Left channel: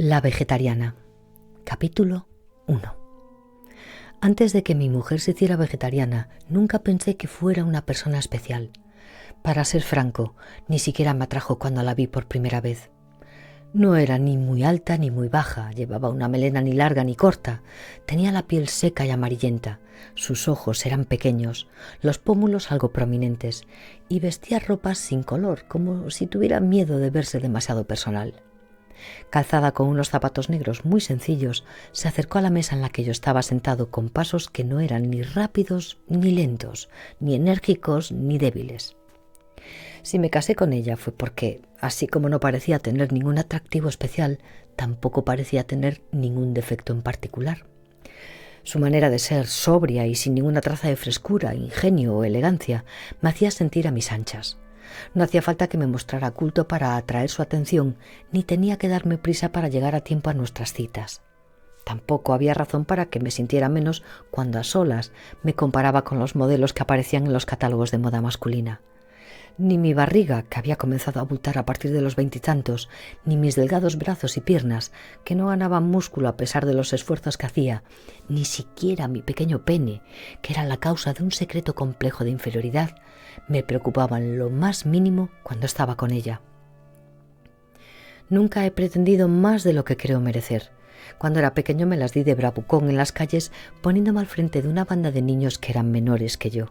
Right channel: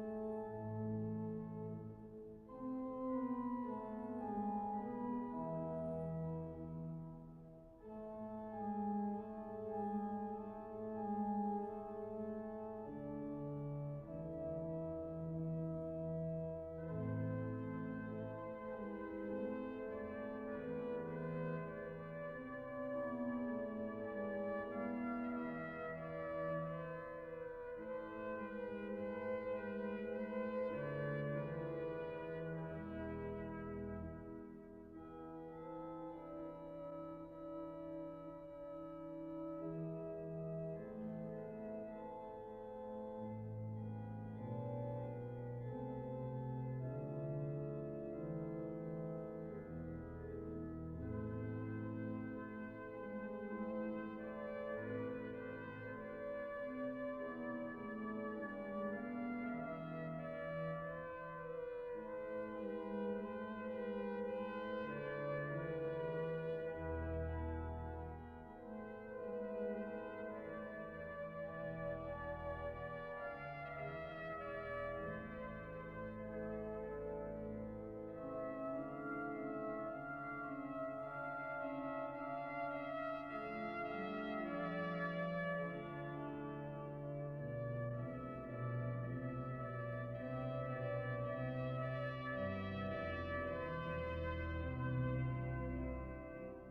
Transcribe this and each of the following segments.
La vegetariana. Capítulo 1. Antes de que mi mujer se hiciera vegetariana, nunca pensé que fuera una persona especial. Para ser franco, ni siquiera me atrajo cuando la vi por primera vez. No era ni muy alta ni muy baja, llevaba una melena ni larga ni corta, tenía la piel seca y amarillenta, sus ojos eran pequeños, los pómulos algo prominentes, y vestía ropas sin color, como si tuviera miedo de verse demasiado personal. Calzada con unos zapatos negros muy sencillos, se acercó a la mesa en la que yo estaba sentado con pasos que no eran ni rápidos ni lentos, ni enérgicos ni débiles. Si me casé con ella fue porque, así como no parecía tener ningún atractivo especial, tampoco parecía tener ningún defecto en particular. Su manera de ser sobria y sin ninguna traza de frescura, ingenio o elegancia me hacía sentir a mis anchas. No hacía falta que me mostrara culto para atraer su atención, ni tenía que darme prisa para llegar a tiempo a nuestras citas. Tampoco había razón para que me sintiera menos cuando a solas me comparaba con los modelos que aparecían en los catálogos de moda masculina. Ni mi barriga, que había comenzado a abultar a partir de los 20 y tantos, ni mis delgados brazos y piernas, que no ganaban músculo a pesar de los esfuerzos que hacía, ni siquiera mi pequeño pene, que era la causa de un secreto complejo de inferioridad, me preocupaban lo más mínimo cuando estaba con ella. Nunca he pretendido más de lo que creo merecer. Cuando era pequeño me las di de bravucón en las calles, poniéndome al frente de una banda de niños que eran menores que yo.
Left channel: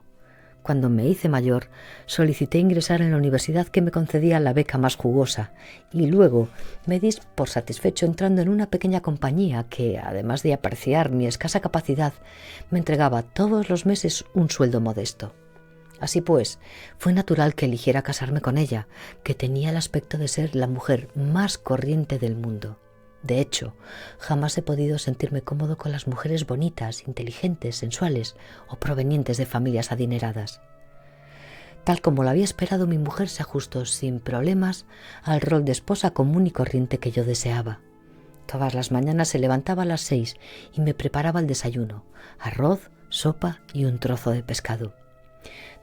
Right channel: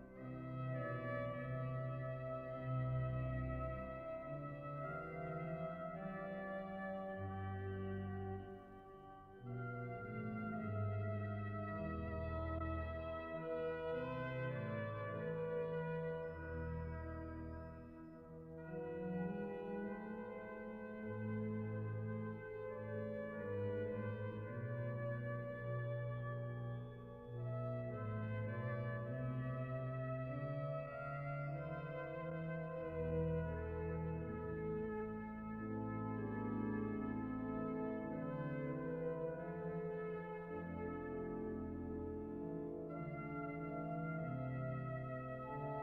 Cuando me hice mayor, solicité ingresar en la universidad que me concedía la beca más jugosa y luego me di por satisfecho entrando en una pequeña compañía que, además de apreciar mi escasa capacidad, me entregaba todos los meses un sueldo modesto. Así pues, fue natural que eligiera casarme con ella, que tenía el aspecto de ser la mujer más corriente del mundo. De hecho, jamás he podido sentirme cómodo con las mujeres bonitas, inteligentes, sensuales o provenientes de familias adineradas. Tal como lo había esperado, mi mujer se ajustó sin problemas al rol de esposa común y corriente que yo deseaba. Todas las mañanas se levantaba a las 6 y me preparaba el desayuno: arroz, sopa y un trozo de pescado.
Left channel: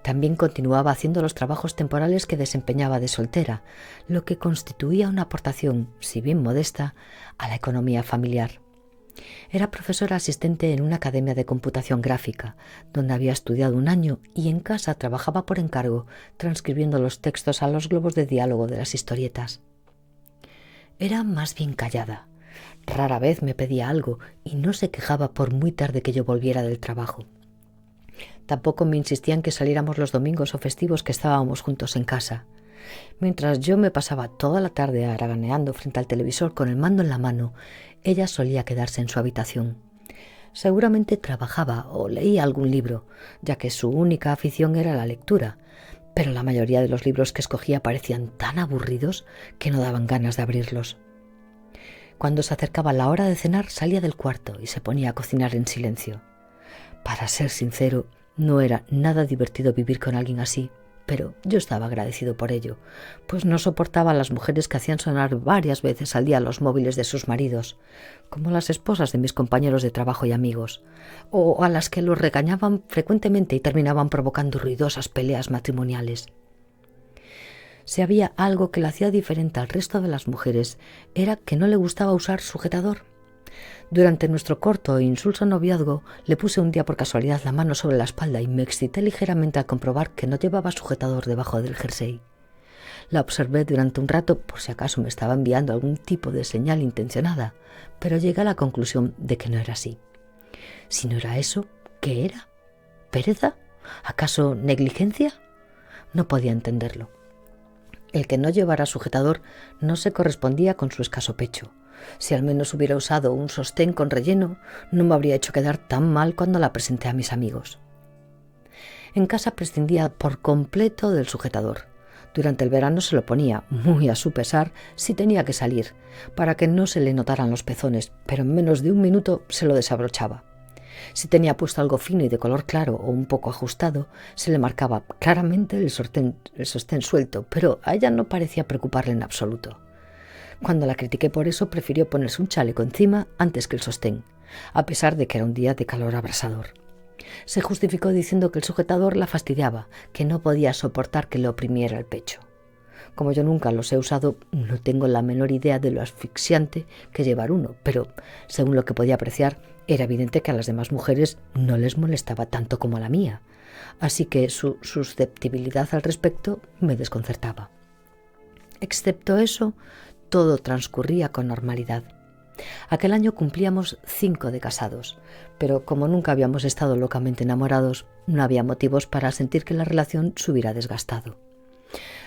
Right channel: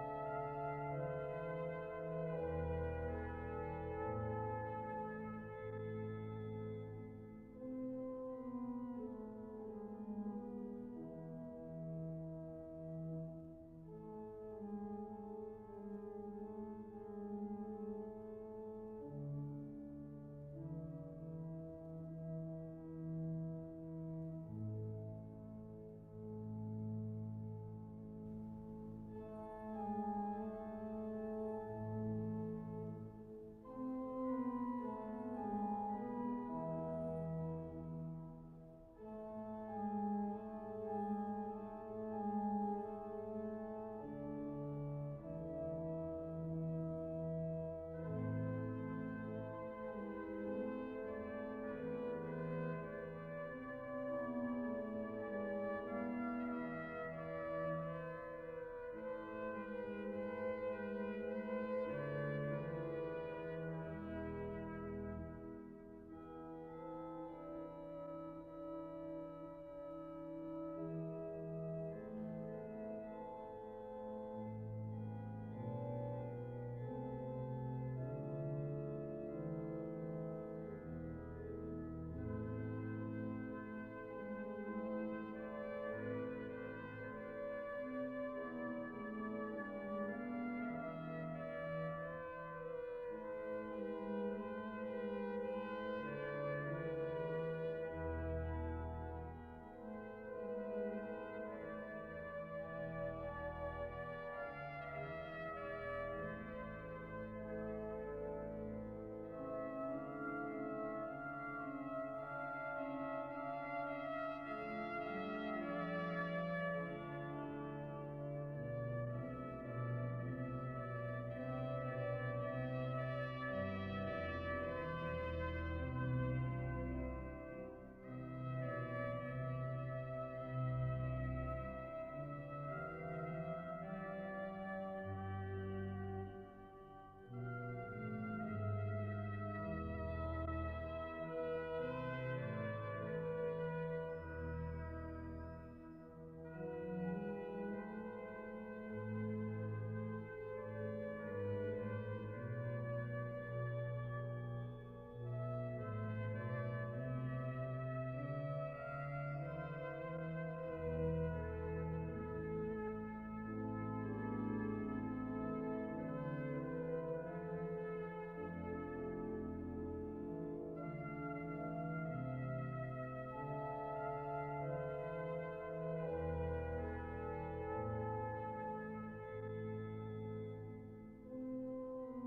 También continuaba haciendo los trabajos temporales que desempeñaba de soltera, lo que constituía una aportación, si bien modesta, a la economía familiar. Era profesora asistente en una academia de computación gráfica, donde había estudiado un año, y en casa trabajaba por encargo, transcribiendo los textos a los globos de diálogo de las historietas. Era más bien callada. Rara vez me pedía algo y no se quejaba por muy tarde que yo volviera del trabajo. Tampoco me insistía en que saliéramos los domingos o festivos que estábamos juntos en casa. Mientras yo me pasaba toda la tarde haraganeando frente al televisor con el mando en la mano, ella solía quedarse en su habitación. Seguramente trabajaba o leía algún libro, ya que su única afición era la lectura, pero la mayoría de los libros que escogía parecían tan aburridos que no daban ganas de abrirlos. Cuando se acercaba la hora de cenar, salía del cuarto y se ponía a cocinar en silencio. Para ser sincero, no era nada divertido vivir con alguien así, pero yo estaba agradecido por ello, pues no soportaba a las mujeres que hacían sonar varias veces al día los móviles de sus maridos, como las esposas de mis compañeros de trabajo y amigos, o a las que los regañaban frecuentemente y terminaban provocando ruidosas peleas matrimoniales. Si había algo que la hacía diferente al resto de las mujeres, era que no le gustaba usar sujetador. Durante nuestro corto e insulso noviazgo, le puse un día por casualidad la mano sobre la espalda y me excité ligeramente al comprobar que no llevaba sujetador debajo del jersey. La observé durante un rato por si acaso me estaba enviando algún tipo de señal intencionada, pero llegué a la conclusión de que no era así. Si no era eso, ¿qué era? ¿Pereza? ¿Acaso negligencia? No podía entenderlo. El que no llevara sujetador no se correspondía con su escaso pecho. Si al menos hubiera usado un sostén con relleno, no me habría hecho quedar tan mal cuando la presenté a mis amigos. En casa prescindía por completo del sujetador. Durante el verano se lo ponía, muy a su pesar, si tenía que salir, para que no se le notaran los pezones, pero en menos de un minuto se lo desabrochaba. Si tenía puesto algo fino y de color claro o un poco ajustado, se le marcaba claramente el sostén suelto, pero a ella no parecía preocuparle en absoluto. Cuando la critiqué por eso, prefirió ponerse un chaleco encima antes que el sostén, a pesar de que era un día de calor abrasador. Se justificó diciendo que el sujetador la fastidiaba, que no podía soportar que le oprimiera el pecho. Como yo nunca los he usado, no tengo la menor idea de lo asfixiante que es llevar uno, pero según lo que podía apreciar, era evidente que a las demás mujeres no les molestaba tanto como a la mía, así que su susceptibilidad al respecto me desconcertaba. Excepto eso, todo transcurría con normalidad. Aquel año cumplíamos 5 de casados, pero como nunca habíamos estado locamente enamorados, no había motivos para sentir que la relación se hubiera desgastado.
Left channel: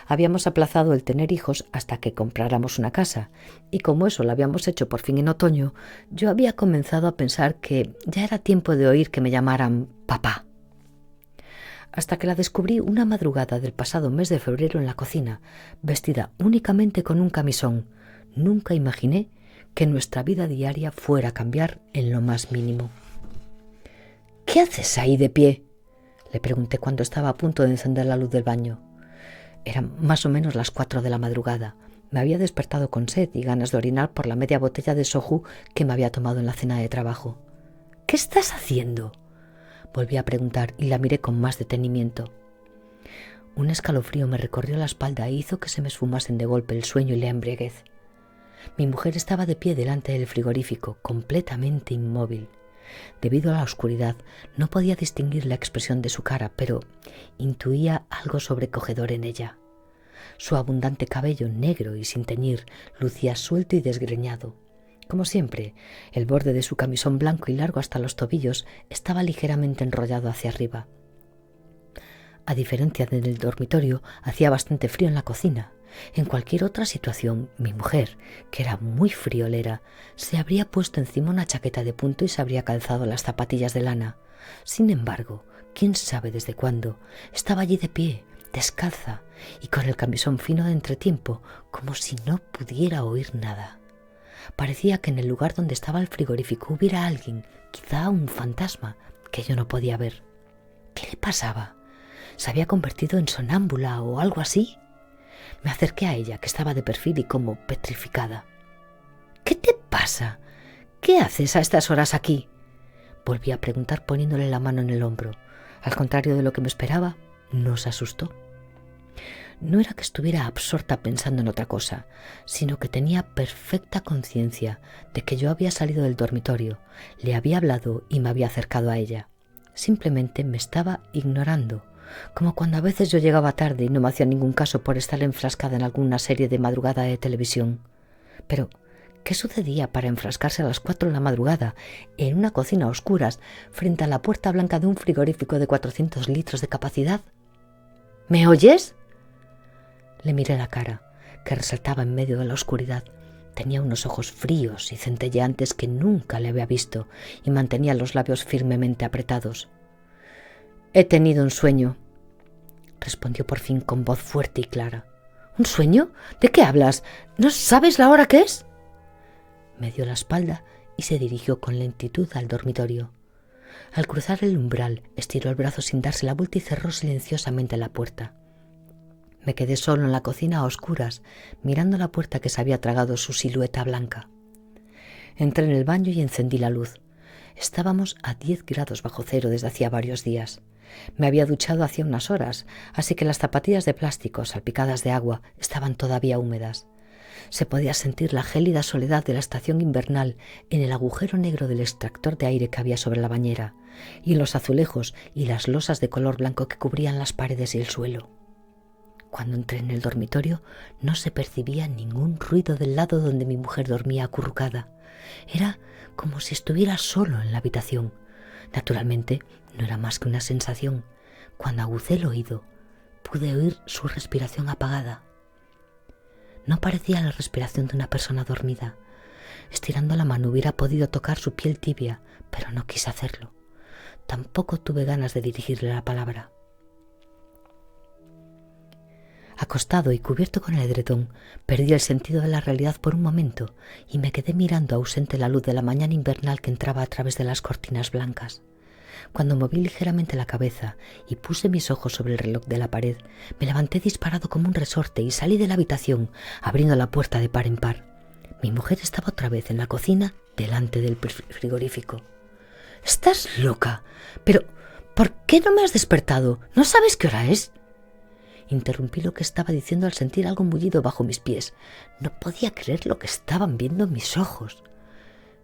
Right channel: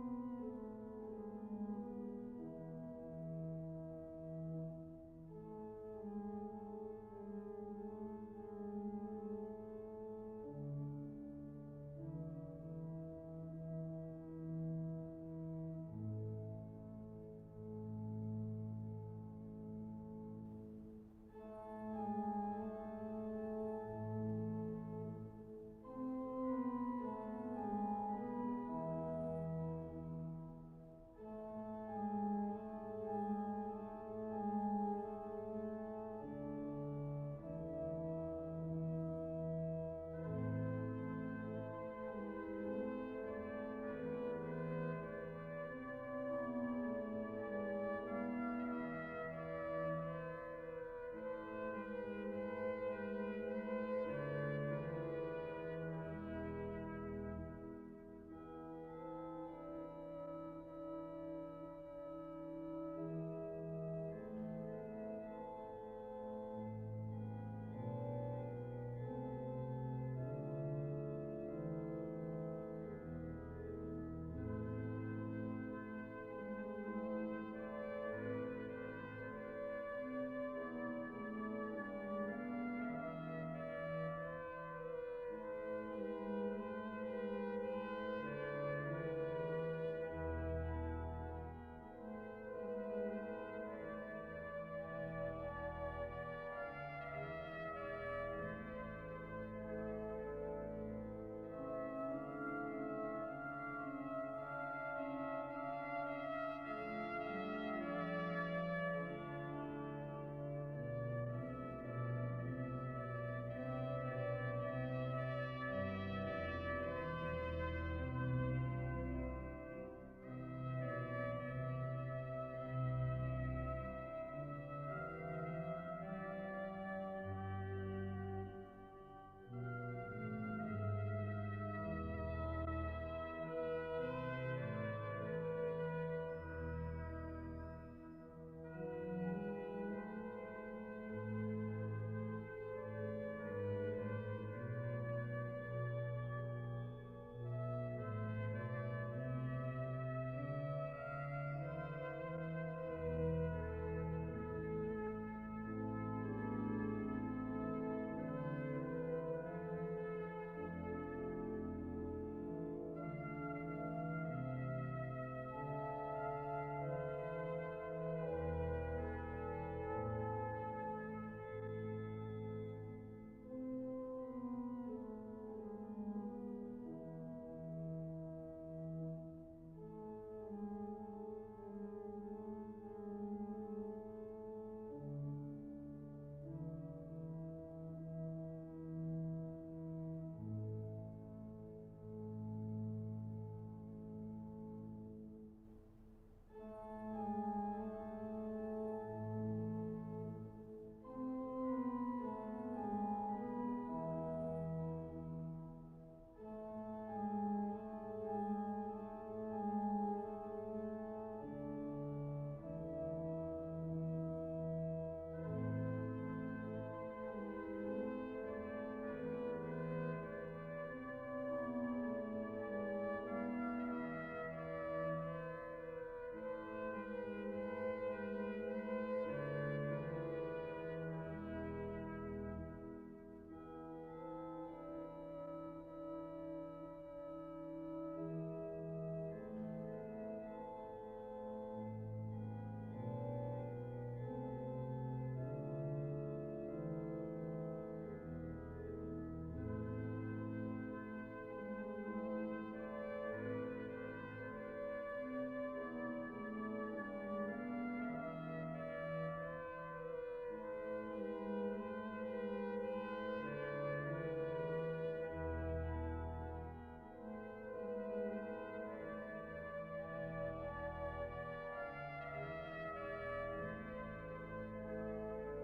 Habíamos aplazado el tener hijos hasta que compráramos una casa, y como eso lo habíamos hecho por fin en otoño, yo había comenzado a pensar que ya era tiempo de oír que me llamaran papá. Hasta que la descubrí una madrugada del pasado mes de febrero en la cocina, vestida únicamente con un camisón. Nunca imaginé que nuestra vida diaria fuera a cambiar en lo más mínimo. «¿Qué haces ahí de pie?», le pregunté cuando estaba a punto de encender la luz del baño. Eran más o menos las 4 de la madrugada. Me había despertado con sed y ganas de orinar por la media botella de soju que me había tomado en la cena de trabajo. «¿Qué estás haciendo?», volví a preguntar y la miré con más detenimiento. Un escalofrío me recorrió la espalda e hizo que se me esfumasen de golpe el sueño y la embriaguez. Mi mujer estaba de pie delante del frigorífico, completamente inmóvil. Debido a la oscuridad, no podía distinguir la expresión de su cara, pero intuía algo sobrecogedor en ella. Su abundante cabello negro y sin teñir lucía suelto y desgreñado. Como siempre, el borde de su camisón blanco y largo hasta los tobillos estaba ligeramente enrollado hacia arriba. A diferencia del dormitorio, hacía bastante frío en la cocina. En cualquier otra situación, mi mujer, que era muy friolera, se habría puesto encima una chaqueta de punto y se habría calzado las zapatillas de lana. Sin embargo, quién sabe desde cuándo, estaba allí de pie, descalza y con el camisón fino de entretiempo, como si no pudiera oír nada. Parecía que en el lugar donde estaba el frigorífico hubiera alguien, quizá un fantasma, que yo no podía ver. ¿Qué le pasaba? ¿Se había convertido en sonámbula o algo así? Me acerqué a ella, que estaba de perfil y como petrificada. «¿Qué te pasa? ¿Qué haces a estas horas aquí?», volví a preguntar poniéndole la mano en el hombro. Al contrario de lo que me esperaba, no se asustó. No era que estuviera absorta pensando en otra cosa, sino que tenía perfecta conciencia de que yo había salido del dormitorio, le había hablado y me había acercado a ella. Simplemente me estaba ignorando, como cuando a veces yo llegaba tarde y no me hacía ningún caso por estar enfrascada en alguna serie de madrugada de televisión. Pero, ¿qué sucedía para enfrascarse a las 4 de la madrugada en una cocina a oscuras frente a la puerta blanca de un frigorífico de 400 litros de capacidad? «¿Me oyes?». Le miré la cara, que resaltaba en medio de la oscuridad. Tenía unos ojos fríos y centelleantes que nunca le había visto y mantenía los labios firmemente apretados. «He tenido un sueño», respondió por fin con voz fuerte y clara. «¿Un sueño? ¿De qué hablas? ¿No sabes la hora que es?». Me dio la espalda y se dirigió con lentitud al dormitorio. Al cruzar el umbral, estiró el brazo sin darse la vuelta y cerró silenciosamente la puerta. Me quedé solo en la cocina a oscuras, mirando la puerta que se había tragado su silueta blanca. Entré en el baño y encendí la luz. Estábamos a 10 grados bajo cero desde hacía varios días. Me había duchado hacía unas horas, así que las zapatillas de plástico salpicadas de agua estaban todavía húmedas. Se podía sentir la gélida soledad de la estación invernal en el agujero negro del extractor de aire que había sobre la bañera, y en los azulejos y las losas de color blanco que cubrían las paredes y el suelo. Cuando entré en el dormitorio no se percibía ningún ruido del lado donde mi mujer dormía acurrucada. Era como si estuviera solo en la habitación. Naturalmente, no era más que una sensación. Cuando aguzé el oído, pude oír su respiración apagada. No parecía la respiración de una persona dormida. Estirando la mano hubiera podido tocar su piel tibia, pero no quise hacerlo. Tampoco tuve ganas de dirigirle la palabra. Acostado y cubierto con el edredón, perdí el sentido de la realidad por un momento y me quedé mirando ausente la luz de la mañana invernal que entraba a través de las cortinas blancas. Cuando moví ligeramente la cabeza y puse mis ojos sobre el reloj de la pared, me levanté disparado como un resorte y salí de la habitación, abriendo la puerta de par en par. Mi mujer estaba otra vez en la cocina, delante del frigorífico. «¿Estás loca? Pero, ¿por qué no me has despertado? ¿No sabes qué hora es?». Interrumpí lo que estaba diciendo al sentir algo mullido bajo mis pies. No podía creer lo que estaban viendo mis ojos.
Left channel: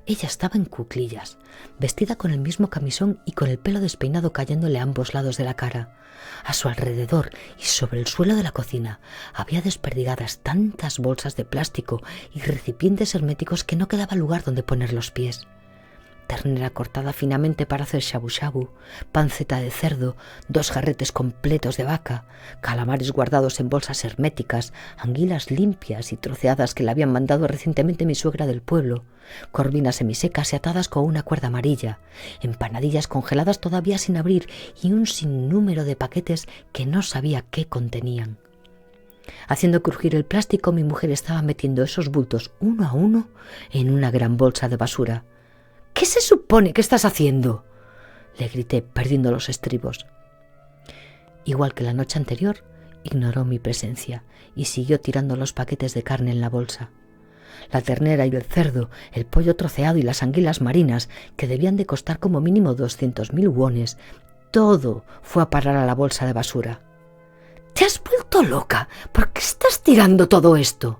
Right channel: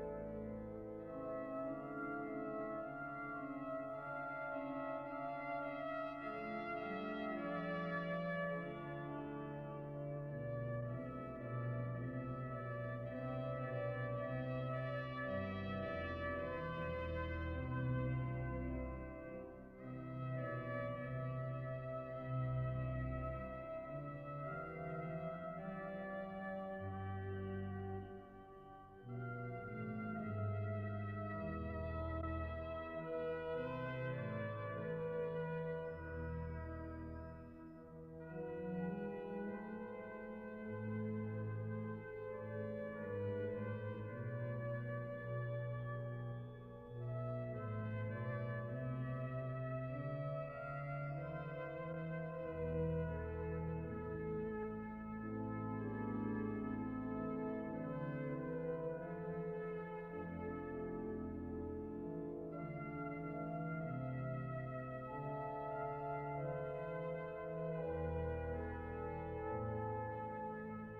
Ella estaba en cuclillas, vestida con el mismo camisón y con el pelo despeinado cayéndole a ambos lados de la cara. A su alrededor y sobre el suelo de la cocina había desperdigadas tantas bolsas de plástico y recipientes herméticos que no quedaba lugar donde poner los pies. Ternera cortada finamente para hacer shabu shabu, panceta de cerdo, 2 jarretes completos de vaca, calamares guardados en bolsas herméticas, anguilas limpias y troceadas que le habían mandado recientemente mi suegra del pueblo, corvinas semisecas y atadas con una cuerda amarilla, empanadillas congeladas todavía sin abrir y un sinnúmero de paquetes que no sabía qué contenían. Haciendo crujir el plástico, mi mujer estaba metiendo esos bultos uno a uno en una gran bolsa de basura. ¿Qué se supone que estás haciendo?, le grité, perdiendo los estribos. Igual que la noche anterior, ignoró mi presencia y siguió tirando los paquetes de carne en la bolsa. La ternera y el cerdo, el pollo troceado y las anguilas marinas, que debían de costar como mínimo 200.000 wones, todo fue a parar a la bolsa de basura. ¿Te has vuelto loca? ¿Por qué estás tirando todo esto?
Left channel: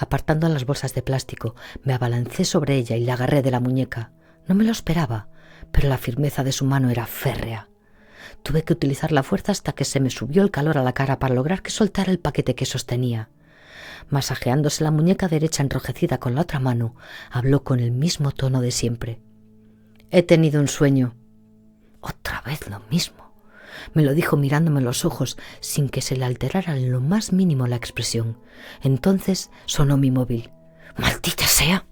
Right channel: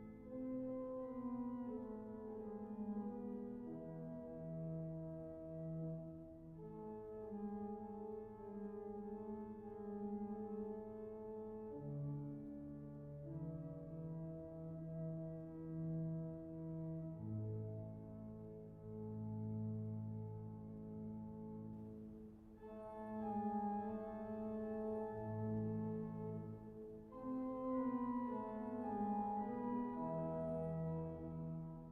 Apartando las bolsas de plástico, me abalancé sobre ella y la agarré de la muñeca. No me lo esperaba, pero la firmeza de su mano era férrea. Tuve que utilizar la fuerza hasta que se me subió el calor a la cara para lograr que soltara el paquete que sostenía. Masajeándose la muñeca derecha enrojecida con la otra mano, habló con el mismo tono de siempre. He tenido un sueño. Otra vez lo mismo. Me lo dijo mirándome en los ojos sin que se le alterara en lo más mínimo la expresión. Entonces sonó mi móvil. ¡Maldita sea!